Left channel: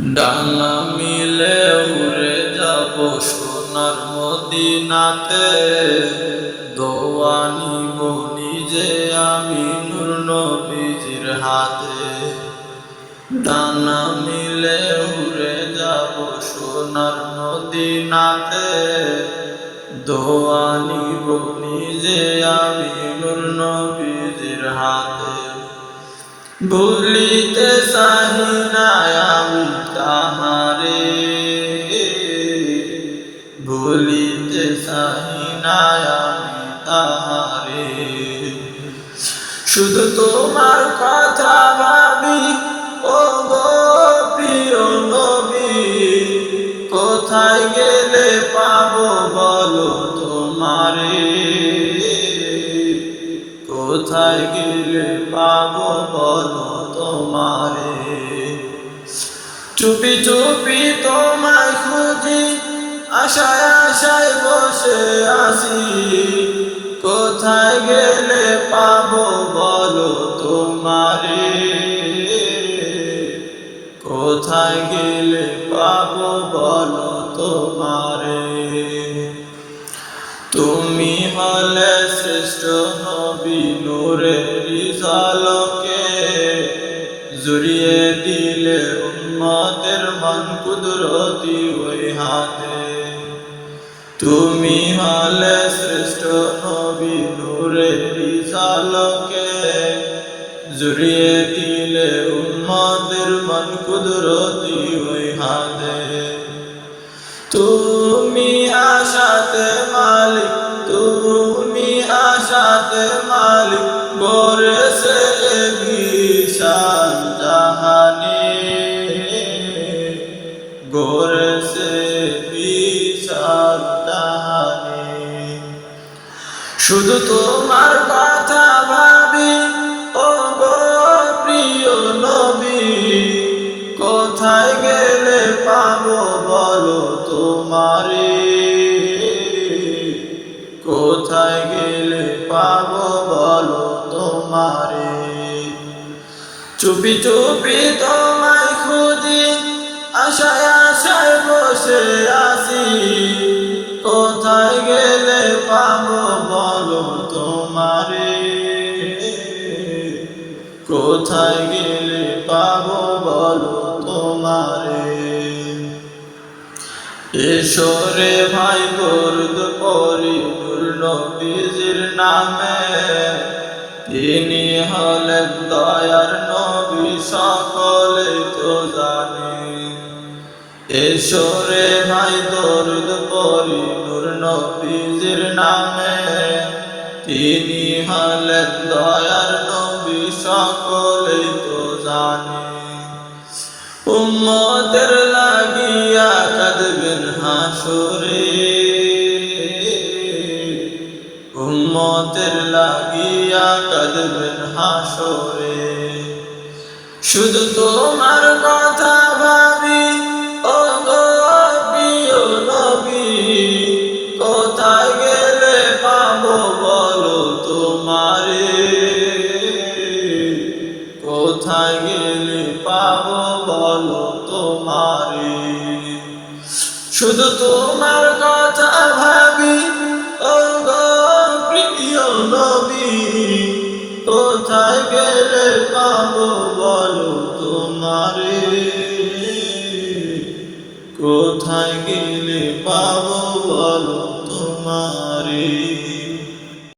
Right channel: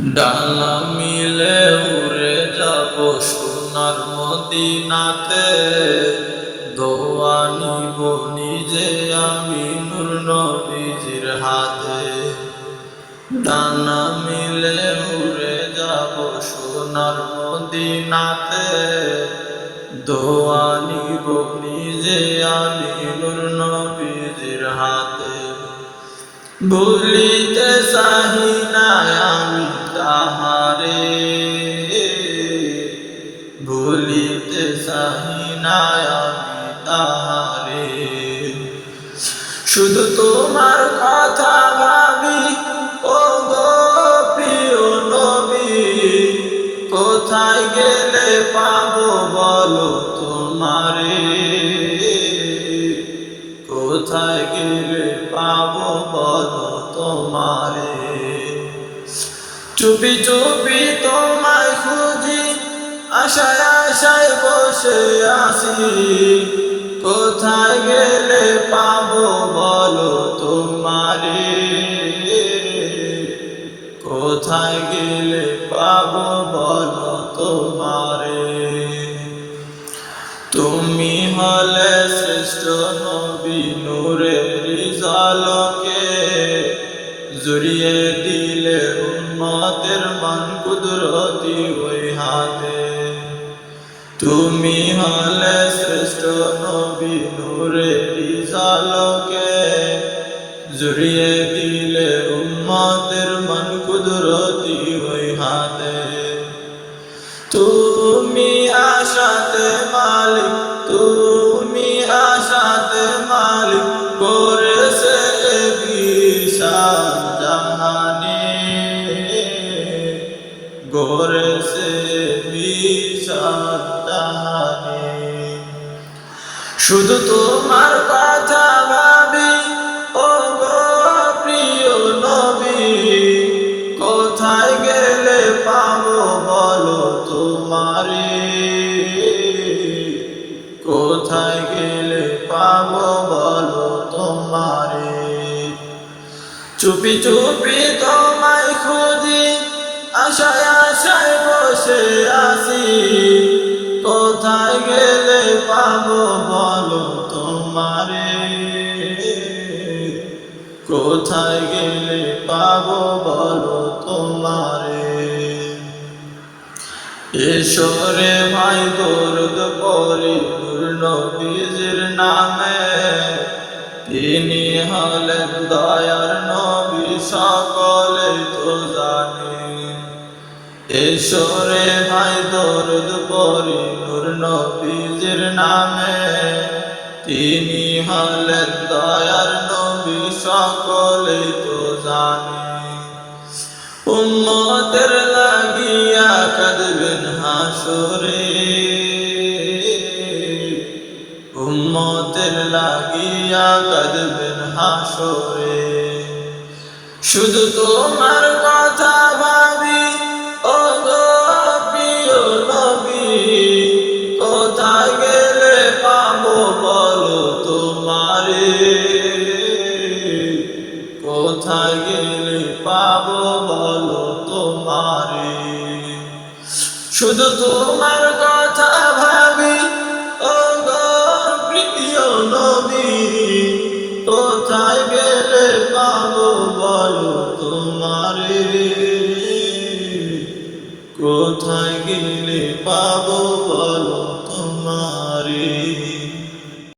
ডানা মিলে উড়ে যাব সোনার মদিনাতে। দোয়া নিব নিজে আমি নূর নবীজির হাতে। ডানা মিলে উড়ে যাব সোনার মদিনাতে। দোয়া নিব নিজে আমি নূর নবীজির হাতে। ভুলিতে চাহি না আমি তাহারে। ভুলিতে চাহি আমি তাহারে। শুধু তোমার কথা ভাবি ও গো প্রিয় নবী, কোথায় গেলে পাবো বলো তোমারে? কোথায় গেলে পাবো বলো তোমারে? চুপি চুপি তোমায় খুঁজি, আশায় আশায় বসে আসি কোথায় গেলে পাবো বলো তোমারে? কোথায় গেলে পাবো বলো তোমারে? তুমি হলে শ্রেষ্ঠ নবী নূরের জালকে জুড়িয়ে দিলে উম্মতের মন কুদরতি ওই হাতে। তুমি হলে শ্রেষ্ঠ নবী নূরের জালকে জুড়িয়ে দিলে উম্মতের মন কুদরতি ওই হাতে। তুমি আশাতে মালিক, তুমি আশাতে মালিক গড়েছে বিশাল জাহানে। গড়েছে বিশাল জাহানে। শুধু তোমার কথা ভাবি ও গো প্রিয় নবী। কোথায় গেলে পাবো বলো তোমারে? কোথায় গেলে পাবো বলো তোমারে? চুপি চুপি তোমায় খুঁজি, আশায় আশায় বসে আসি কোথায় গেলে পাবো বলো তোমারে? কোথায় গেলে পাবো বলো তোমারে? ঈশ্বরে ভাই, দর্দ পরি, নূর নবীজির নামে। তিনি হলেন দয়ার নবী সকলে তো জানে। ঈশ্বরে ভাই, দরুদ পরি, নূর নবীজির নামে। তিনি হলেন দয়ার নবী সকলেই তো জানে। উম্মতের লাগিয়া কাঁদবেন হাসরে। উম্মতের লাগিয়া কাঁদবেন হাসরে। শুধু তোমার কথা বলো তোমারে, কোথায় গেলে পাবো বলো তোমারে। শুধু তোমার কথা ভাবি ও প্রিয় নবী, কোথায় গেলে পাবো বলো তোমারে। কোথায় গেলে পাবো বলো তোমারে।